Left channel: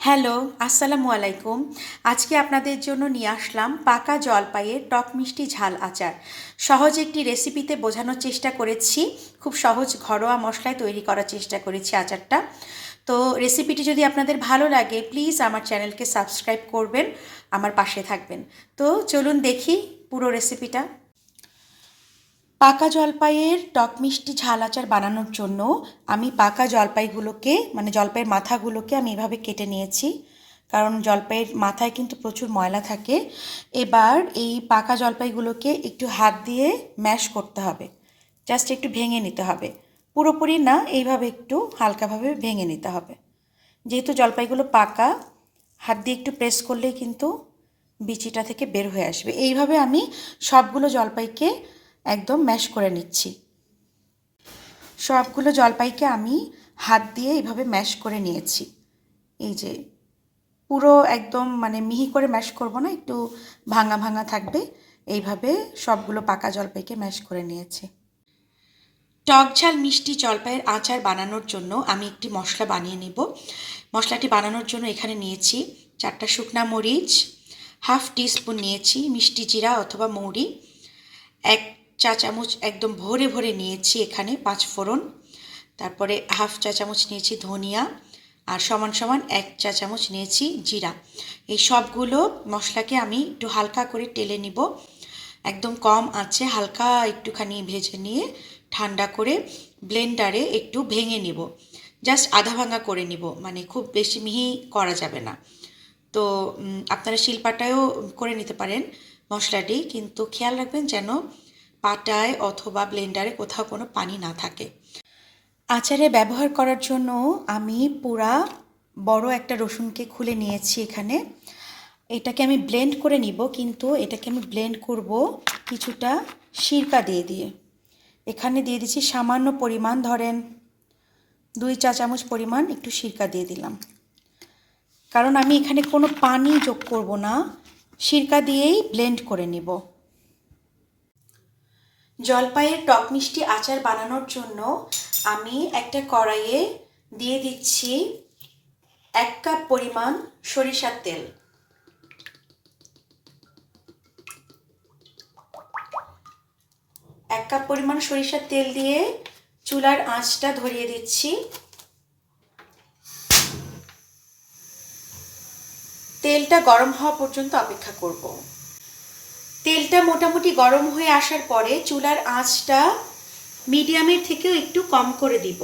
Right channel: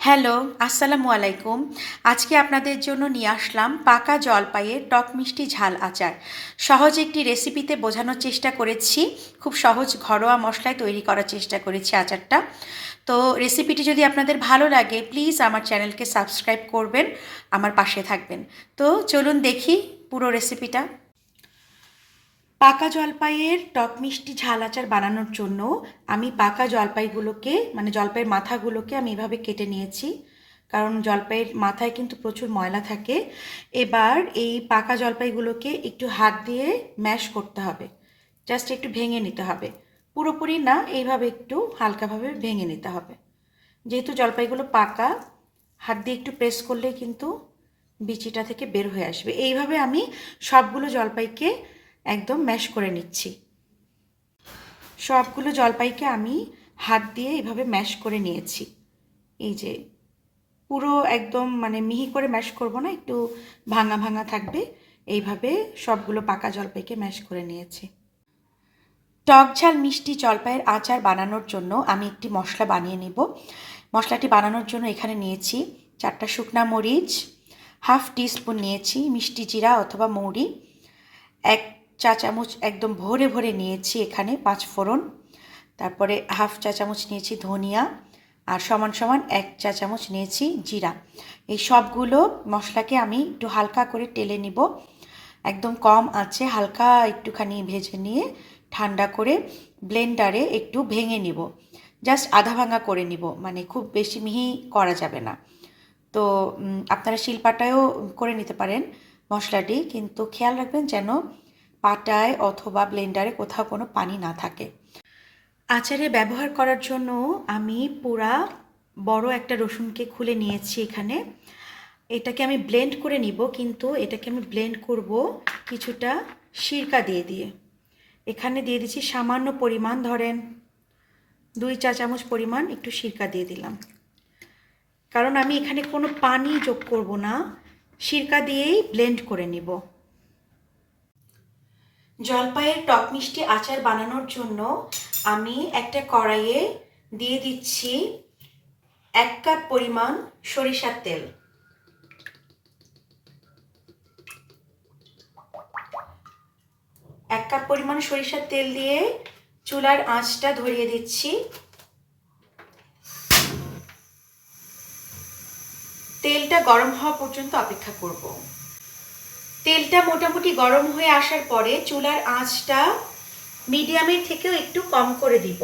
Hello, আসসালামু আলাইকুম। আজকে আপনাদের জন্য নিয়ে আসলাম পাকা জলপাইয়ের টক মিষ্টি ঝাল আচার। সহজ একটি রেসিপিতে বোঝানোর চেষ্টা করেছি। খুব সহজ ঘরোয়া মশলায় তৈরি করার চেষ্টা করেছি আচারটা। তো রেসিপিটি যদি আপনাদের ভালো লাগে প্লিজ আমার চ্যানেলকে সাবস্ক্রাইব করবেন, আমার পাশে থাকবেন। তো চলুন দেখি পুরো রেসিপিটা। পাকা জলপাইয়ের টক মিষ্টি ঝাল আচার বানানোর জন্য আমি পাকা জলপাইগুলোকে মানে জলপাইয়ের মাথাগুলোকে আমি এভাবে কেটে নিয়েছি, কারণ জলপাইয়ের মাথায় কিন্তু প্রচুর ময়লা থাকে। এবার এই পাকা জলপাইগুলোকে একটু হাত দিয়ে ম্যাশ করতে হবে, জাস্ট একটু ভেঙে নিতে হবে, পুরোপুরি না, এইভাবে একটু হালকাভাবে ভেঙে নিতে হবে। যেহেতু জলপাইগুলো পাকা, হাত দিয়ে একটু প্রেস করলেই কিন্তু বিচিটা থেকে বের হয়ে আসবে। এইভাবে আমি সবগুলো জলপাইকে একদম ম্যাশ করে নিচ্ছি। সবগুলো জলপাইকে আমি হাত দিয়ে এইভাবে ম্যাশ করে নিয়েছি। এই যে পুরো একদম মানে মিহি করে ম্যাশ করব না, একটু ভাঙা ভাঙা থাকবে, এইভাবে সবগুলো পাকা জলপাইকে ম্যাশ করে নিয়েছি। টক ঝাল মিষ্টি জলপাইয়ের আচার বানানোর জন্য আমি একটি মশলা বানিয়ে নেব। মশলাটি বানানোর জন্য এখানে নিয়েছি 4টা শুকনা মরিচ, হাফ টিস্পুন নিয়েছি মিষ্টি জিরা অথবা মৌরি, 1 চা চামচ একদম ভরে ভরে নিয়েছি এখানে 5 ফোড়ন, তারপরে হাফ চা চামচ নিয়েছি ধনিয়া, আর সমান সমান 1 চা চামচ নিয়েছি জিরা। এই সবগুলো মশলাকে আমি একটু হালকা করে টেলে নিব, একদম কম আঁচে হালকা একটুখানি ভেজে নিয়ে ঠান্ডা করে ব্লেন্ডারে একটু ভেঙে নিব, জাস্ট আধা ভাঙা করে নিব, মানে খুব বেশি মিহি করা যাবে না। তো আপনারা শিলপাটায়ও করে নিতে পারেন মশলাটি, কিন্তু খেয়াল রাখবেন যেন পাটায় অথবা ব্লেন্ডারে কোথাও কোনো পানি না থাকে। আচারে ব্যবহার করার জন্য আমি পুরা বড় একটা রসুনকে খুলে নিয়েছি এখানে। এটাকে আমি ব্লেন্ড করে নিব, কিন্তু এটাকে আমি ব্লেন্ড করব কিছুটা সিরকা দিয়ে দিয়ে। এখানে দিয়ে দিচ্ছি সামান্য পরিমাণ, ধরেন 2 চা চামচ পরিমাণ একটু সিরকা দিয়ে দিলাম, কারণ আমি এখানে কোনো পানি যোগ করব না, সিরকা দিয়েই ব্লেন্ড করে নিব। জলপাইয়ের টক মিষ্টি আচার বানানোর জন্য আমি একটা কড়াইয়ে দিয়ে দিচ্ছি 1 কাপ পরিমাণ সরিষার তেল। এক কাপ পরিমাণ সরিষার তেল দিয়ে চুলার আঁচটা ধরিয়ে দিচ্ছি। তেলটা গরম হওয়া পর্যন্ত অপেক্ষা করব। তেলটা মোটামুটি গরম হয়ে আসার পরে চুলার আঁচটা মিডিয়ামের থেকেও একটু কম করে দিব,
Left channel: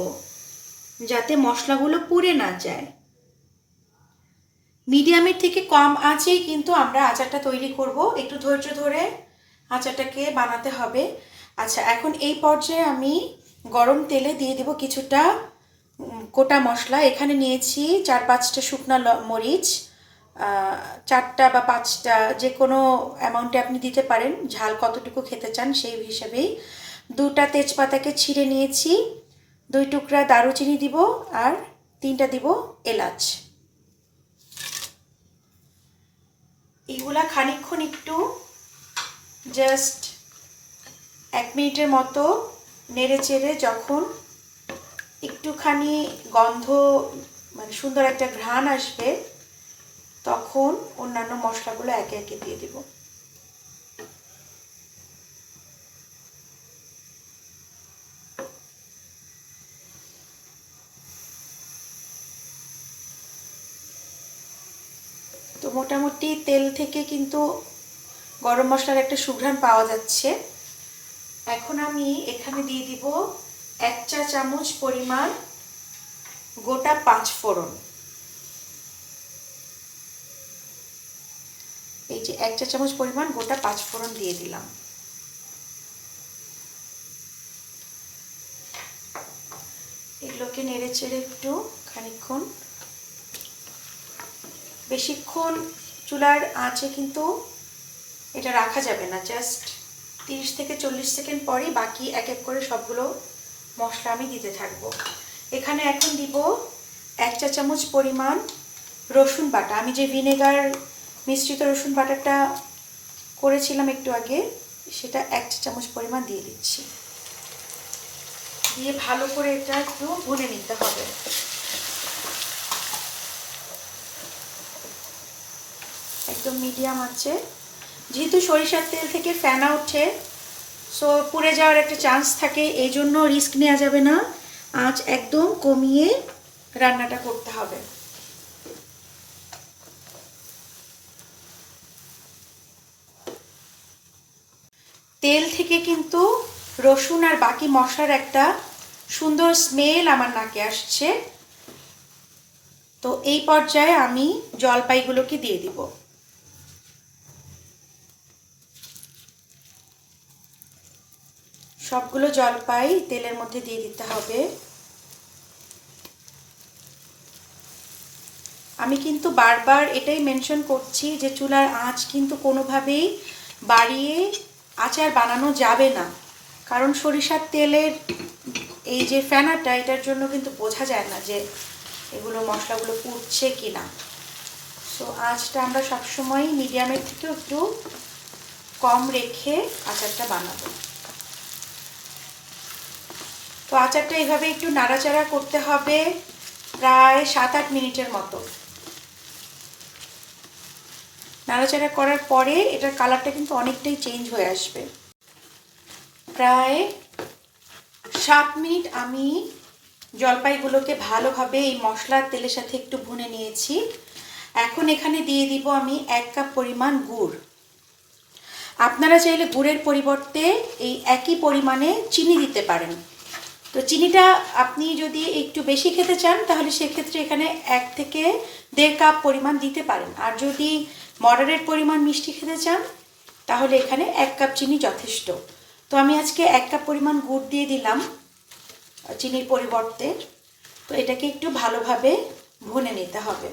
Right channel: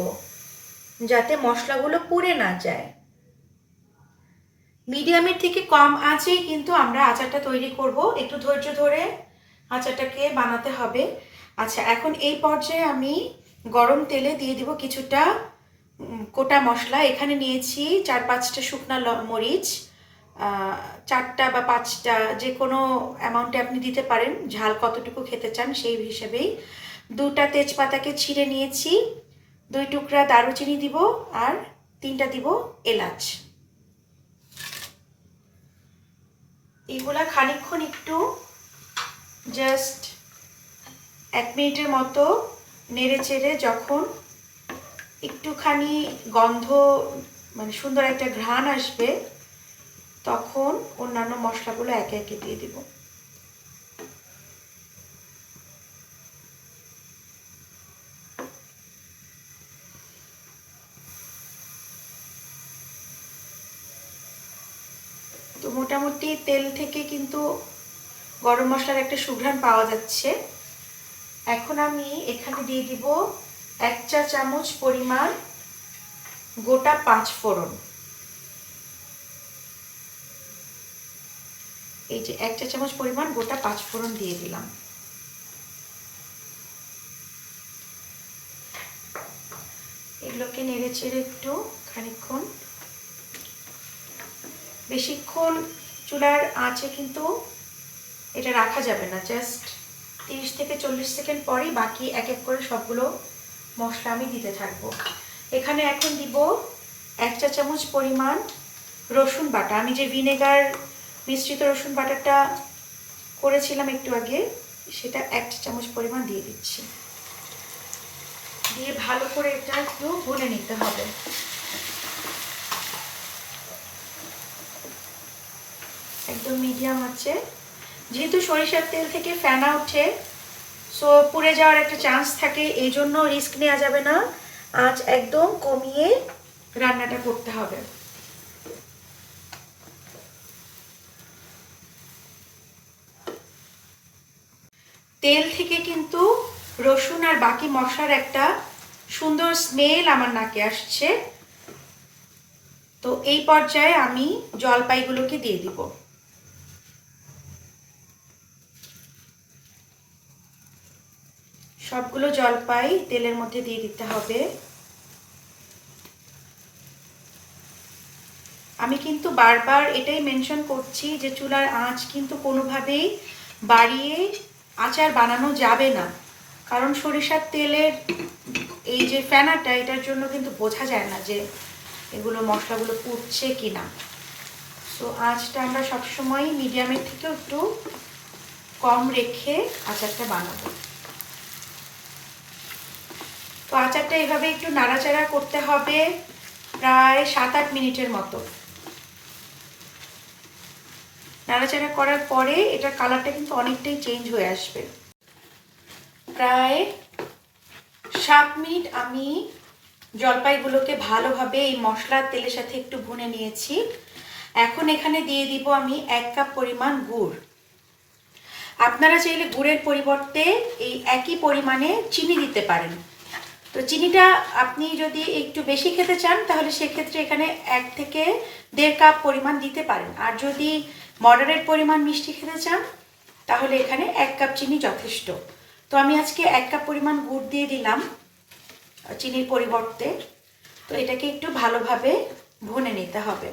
যাতে মশলাগুলো পুড়ে না যায়। মিডিয়ামের থেকে কম আঁচেই কিন্তু আমরা আচারটা তৈরি করব, একটু ধৈর্য ধরে আচারটাকে বানাতে হবে। আচ্ছা, এখন এই পর্যায়ে আমি গরম তেলে দিয়ে দেব কিছুটা গোটা মশলা। এখানে নিয়েছি 4-5টা শুকনা মরিচ, 4টা বা 5টা যে কোনো অ্যামাউন্টে আপনি দিতে পারেন, ঝাল কতটুকু খেতে চান সেই হিসেবেই। 2টা তেজপাতাকে ছিঁড়ে নিয়েছি, 2 টুকরা দারুচিনি দিব, আর 3টা দিব এলাচ। এগুলা খানিকক্ষণ একটু জাস্ট 1 মিনিটের মতো নেড়ে চেড়ে যখন একটুখানি গন্ধ মানে সুন্দর একটা ঘ্রাণ আসবে, তখন অন্যান্য মশলাগুলো একে একে দিয়ে দিব। তো মোটামুটি তেল থেকে কিন্তু গরম মশলার একটা সুঘ্রাণ পাওয়া যাচ্ছে। এখন আমি এখানে দিয়ে দিব 1 চা চামচ পরিমাণ গোটা 5 ফোড়ন। এই যে 1 চা চামচ পরিমাণ গোটা 5 ফোড়ন দিয়ে দিলাম। এগুলোকে নেড়ে চেড়ে একটু খানিকক্ষণ, বেশিক্ষণ চুলার আঁচে কিন্তু এটা রাখা যাবে না, জাস্ট 30 থেকে 40 সেকেন্ড পরেই বাকি এক এক করে সবগুলো মশলা আমি দিতে থাকবো। এখানে এখন দিব 1 চা চামচ পরিমাণ রসুন বাটা। আমি যে ভিনেগার মিশ্রিত রসুন বাটাটা করেছিলাম একটু আগে, সেটা 1 চা চামচ পরিমাণ দিয়ে দিচ্ছি। দিয়ে ভালো করে এটা একটু ভুনে নিতে হবে। একদম মিডিয়াম আছে। যেহেতু সরিষার তেল থেকে ফেনা ওঠে, সো পুড়ে যাওয়ার একটা চান্স থাকে, এই জন্য রিস্ক নেওয়া যাবে না। আঁচ একদম কমিয়ে রান্নাটা করতে হবে। তেল থেকে কিন্তু রসুন আর বাকি মশলার একটা সুন্দর স্মেল আমার নাকে আসছে। তো এই পর্যায়ে আমি জলপাইগুলোকে দিয়ে দিব। সবগুলো জলপাই তেলের মধ্যে দিয়ে দিতে হবে। আমি কিন্তু বারবার এটাই মেনশন করছি যে চুলার আঁচ কিন্তু কোনোভাবেই বাড়িয়ে আচার বানানো যাবে না, কারণ সরিষার তেলের এই যে ফেনাটা, এটার জন্য কিন্তু বোঝা যায় না যে এগুলো মশলাগুলো পুড়ছে কিনা। তো আঁচটা আমরা সবসময় মিডিয়ামের থেকে একটু কম রেখে আচারটা বানাবো। তো আচারটা এইভাবে একটু নাড়াচাড়া করতে হবে প্রায় 7-8 মিনিটের মতো। নাড়াচাড়া করার পরে এটার কালারটা কিন্তু অনেকটাই চেঞ্জ হয়ে আসবে। প্রায় 7 মিনিট আমি জলপাইগুলোকে ভালোভাবে এই মশলার তেলের সাথে একটু ভুনে নিয়েছি। এখন এখানে দিয়ে দিব আমি 1 কাপ পরিমাণ গুড়। আপনারা চাইলে গুড়ের পরিবর্তে এই একই পরিমাণে চিনি দিতে পারেন। তো চিনিটা আপনি যদি একটু বেশি খেতে চান তাহলে সেক্ষেত্রে এখানে 1 থেকে 1.5 কাপ পরিমাণ দিতে পারেন। আর যদি মডারেট পরিমাণ মিষ্টি খেতে চান তাহলে এখানে 1 কাপ চিনি যথেষ্ট। তো আমি আজকে 1 কাপ পরিমাণ গুড় দিয়ে দিলাম চিনির পরিবর্তে। তো এটাকে একটু ভালোভাবে ভুনে নিতে হবে।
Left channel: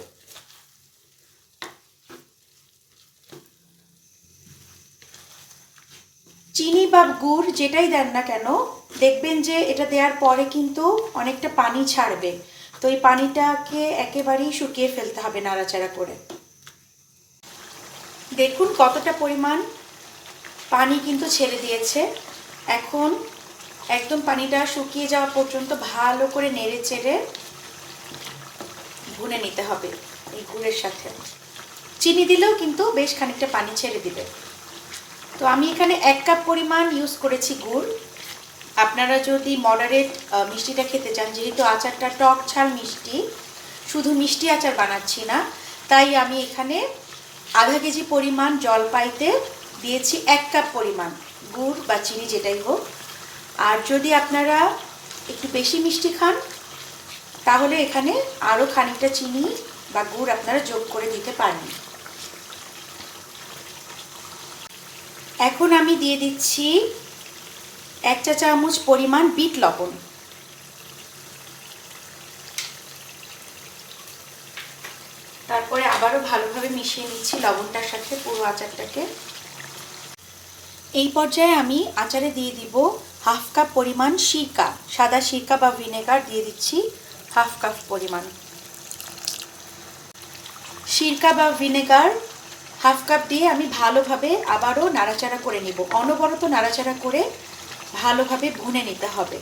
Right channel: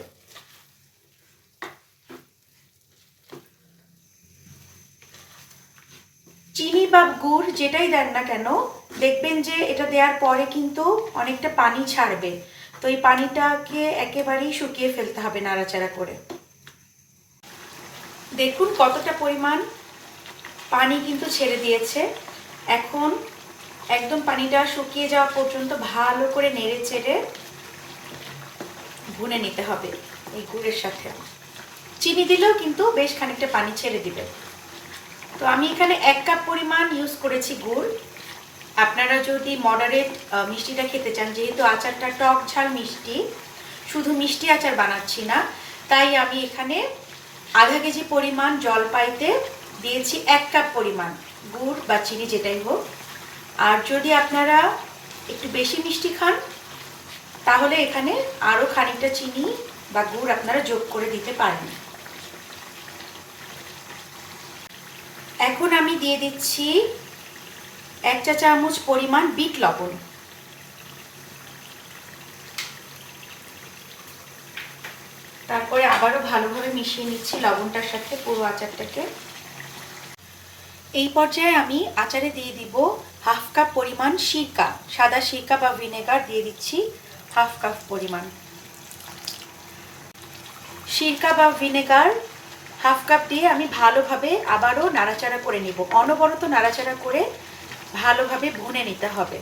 চিনি বা গুড় যেটাই দেন না কেন, দেখবেন যে এটা দেওয়ার পরে কিন্তু অনেকটা পানি ছাড়বে। তো এই পানিটাকে একেবারেই শুকিয়ে ফেলতে হবে নাড়াচাড়া করে। দেখুন কতটা পরিমাণ পানি কিন্তু ছেড়ে দিয়েছে। এখন একদম পানিটা শুকিয়ে যাওয়া পর্যন্ত ভালো করে নেড়ে চেড়ে ভুনে নিতে হবে এই গুড়ের সাথে। চিনি দিলেও কিন্তু বেশ খানিকটা পানি ছেড়ে দিবে। তো আমি এখানে 1 কাপ পরিমাণ ইউজ করেছি গুড়। আপনারা যদি মডারেট মিষ্টিটা খেতে চান, যেহেতু আচারটা টক ঝাল মিষ্টি, শুধু মিষ্টি আচার বানাচ্ছি না, তাই আমি এখানে আধা কেজি পরিমাণ জলপাইতে দিয়েছি 1 কাপ পরিমাণ গুড় বা চিনি যেটাই হোক। আর যদি আপনারা একটু বেশি মিষ্টি খান তাহলে এখানে আরও খানিকটা চিনি বা গুড় আপনারা যোগ করে দিতে পারেন। এখন আমি দিয়ে দিচ্ছি 1 চা চামচ পরিমাণ বিট লবণ। তারপরে আবারও ভালোভাবে মিশিয়ে নিচ্ছি লবণটার সাথে পুরো আচারটাকে। এই পর্যায়ে আমি আচারে দিয়ে দিব 1/2 কাপ পরিমাণ সিরকা, সাদা সিরকা বা ভিনেগার দিয়ে দিচ্ছি 1/2 কাপ পরিমাণ। সিরকা বা ভিনেগার 1/2 কাপ দিয়ে আমি ভালোভাবে আবারও নাড়াচাড়া করে নেব। অনবরত নাড়াচাড়া করে ভালোভাবে ভুনে নিতে হবে।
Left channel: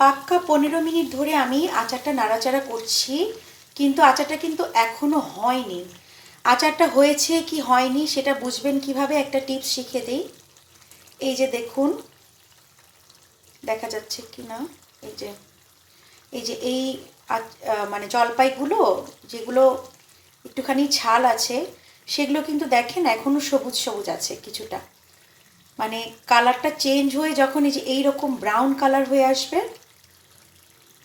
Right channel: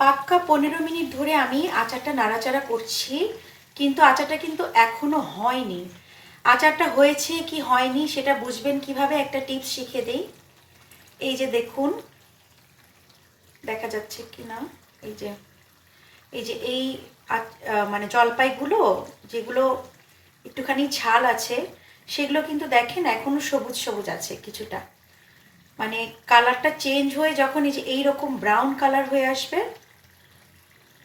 পাক্কা 15 মিনিট ধরে আমি আচারটা নাড়াচাড়া করছি, কিন্তু আচারটা কিন্তু এখনো হয়নি। আচারটা হয়েছে কি হয়নি সেটা বুঝবেন কিভাবে, একটা টিপস শিখিয়ে দিই। এই যে দেখুন, দেখা যাচ্ছে কি না, এই যে এই মানে জলপাইগুলো যেগুলো একটুখানি ছাল আছে সেগুলো কিন্তু দেখেন এখনো সবুজ সবুজ আছে কিছুটা। মানে কালারটা চেঞ্জ হয়ে যখন এই যে এইরকম ব্রাউন কালার হয়ে আসবে,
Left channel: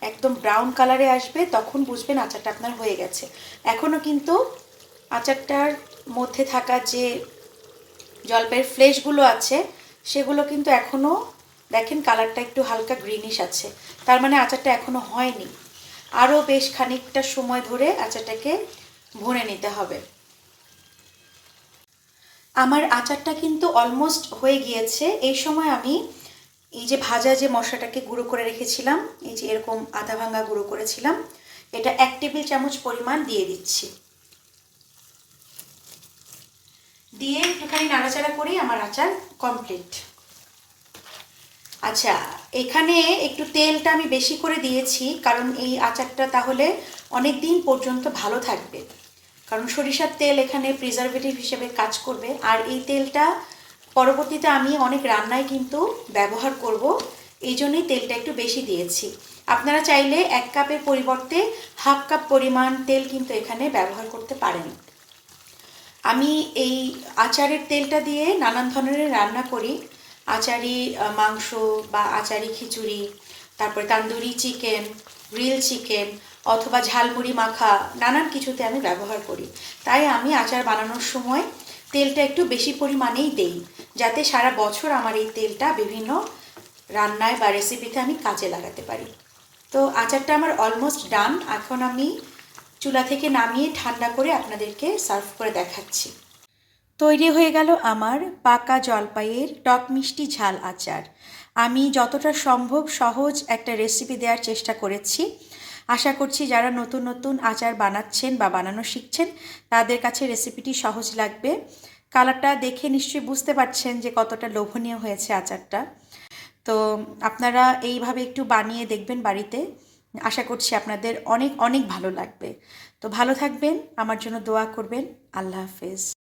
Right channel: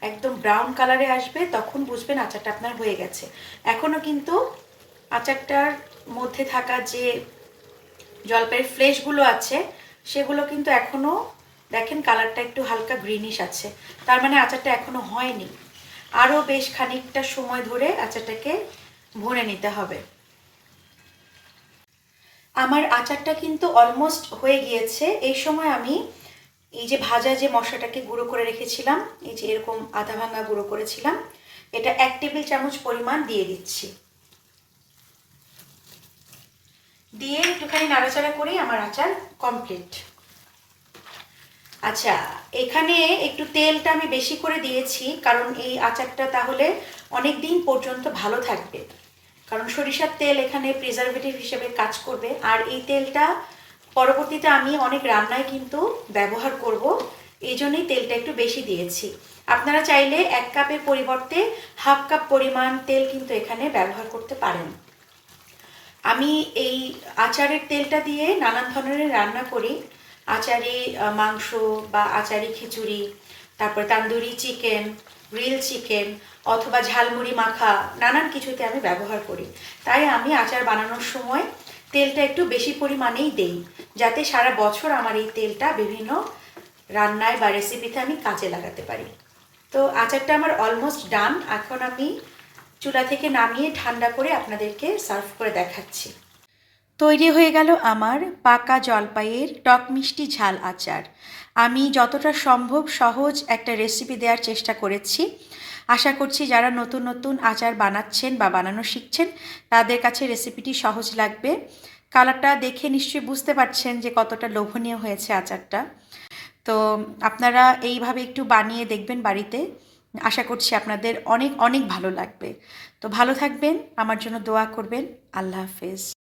একদম ব্রাউন কালারে আসবে, তখন বুঝবেন আচারটা আপনার হয়ে গেছে। এখনো কিন্তু আচারটার মধ্যে থাকা যে জলপাইয়ের ফ্লেশগুলো আছে সেগুলো কিন্তু এখনো দেখেন কালারটা একটু হালকা গ্রিনিশ আছে, তার মানে আচারটা এখনো হয়নি। আরও বেশ খানিকটা সময় ধরে আচারটাকে ভুনে নিতে হবে। আমার আচারটা কিন্তু অলমোস্ট হয়ে গিয়েছে। এই সময় আমি এই যে ভাজা যে মশলাটাকে গুঁড়ো করে রেখেছিলাম, এই যে এরকম আধা ভাঙা গুঁড়ো করেছিলাম, এটা 1 টেবিল চামচ পরিমাণ দিয়ে দিচ্ছি। দিয়ে একটুখানি নাড়াচাড়া করেই আমার আচার কমপ্লিট। আচ্ছা, এখানে একটু তেলটা আমি বেশি করে দিয়েছি কারণ এই আচারটা তাহলে অনেক দিন পর্যন্ত ভালো থাকবে। কারণ সরিষার তেল এখানে প্রিজারভেটিভ হিসেবে কাজ করবে। আর এই তেলটা পরবর্তীতে আমি অনেক রান্নায় কিন্তু ব্যবহার করব, এই জন্যই তেলটা একটু বেশি দিয়েছি। আপনারা চাইলে 1 কাপের পরিবর্তে হাফ কাপ পরিমাণ তেল কিন্তু এখানে ব্যবহার করতে পারেন। আমি এই আচারের তেলটা দিয়ে নানান ধরনের রান্না করি। আচারি মাংস বা আচারি খিচুড়ি, তারপর তান্দুরি চিকেন, গ্রিল চিকেন অথবা ঝালমুড়ি মাখা, নানান কিছুতে আমি ব্যবহার করি। তাই আমি আচার বানানোর সময় তেলটা একটু বেশি পরিমাণেই দেই, যাতে সারা বছর আমার এই তেলটা বিভিন্ন রান্নায় বা রেসিপিতে আমি কাজে লাগাতে পারি। তো আচারটা আমার অলমোস্ট ডান। এখন আমি চুলা থেকে নামিয়ে ঠান্ডা করে আপনাদেরকে সার্ভ করে দেখাচ্ছি। তৈরি হয়ে গেল আমার পাকা জলপাইয়ের টক মিষ্টি ঝাল আচার। আমি যতটা সম্ভব সহজ একটা রেসিপি দেওয়ার চেষ্টা করেছি। আশা করছি যারা নতুন নতুন আচার বানাচ্ছেন বা বানানো শিখছেন তাদের কাছে রেসিপিটি সহজ লাগবে। কালারটা দেখে নিশ্চয়ই বুঝতে পারছেন যে কতটা লোভনীয় হয়েছে আচারটা। তো আপনারা এইভাবে একটু বানিয়ে দেখবেন বাড়িতে। আশা করছি আপনাদের অনেক অনেক ভালো লাগবে। তো ভালো থাকবেন, আমার জন্য দোয়া করবেন। আল্লাহ হাফেজ।